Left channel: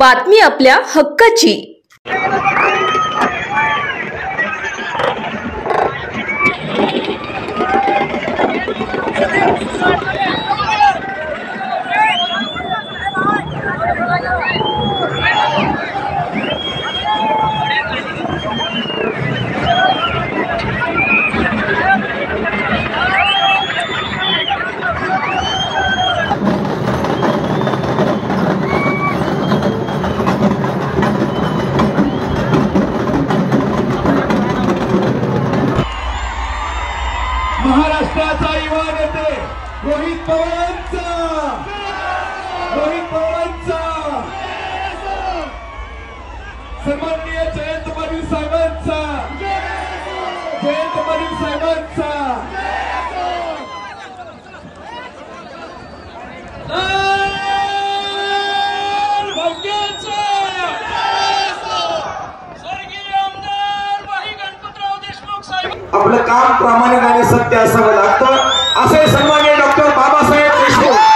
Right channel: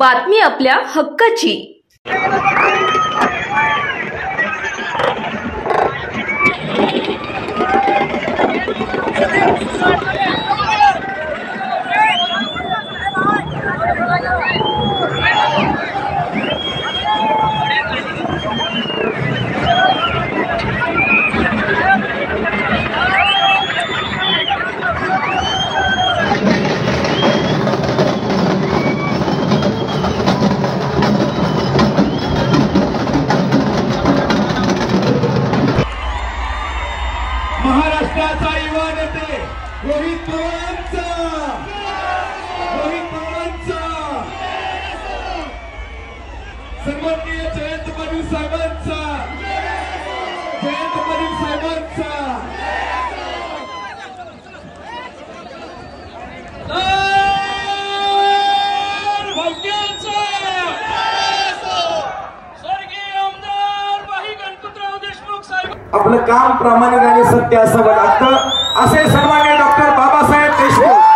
बातमी आपल्या हक्काची। महाराष्ट्राचा युवा नेते रोहित पवारांचा सन्माननीय जयंत पाटील साहेबांचा आपलं काम प्रामाणिक आणि सत्य असावं लागतं असे सन्माननीय डॉक्टर बाबासाहेब देशमुख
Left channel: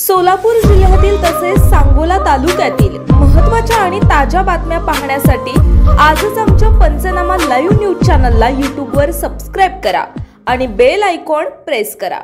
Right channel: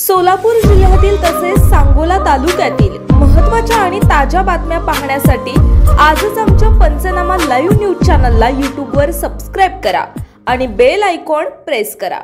सोलापूर जिल्ह्यातील तसेच सांगोला तालुक्यातील महत्त्वाच्या आणि ताज्या बातम्या पाहण्यासाठी आजच आमच्या पंचनामा लाईव्ह न्यूज चॅनलला यूट्यूबवर सबस्क्राइब करा आणि बेल आयकॉन प्रेस करा।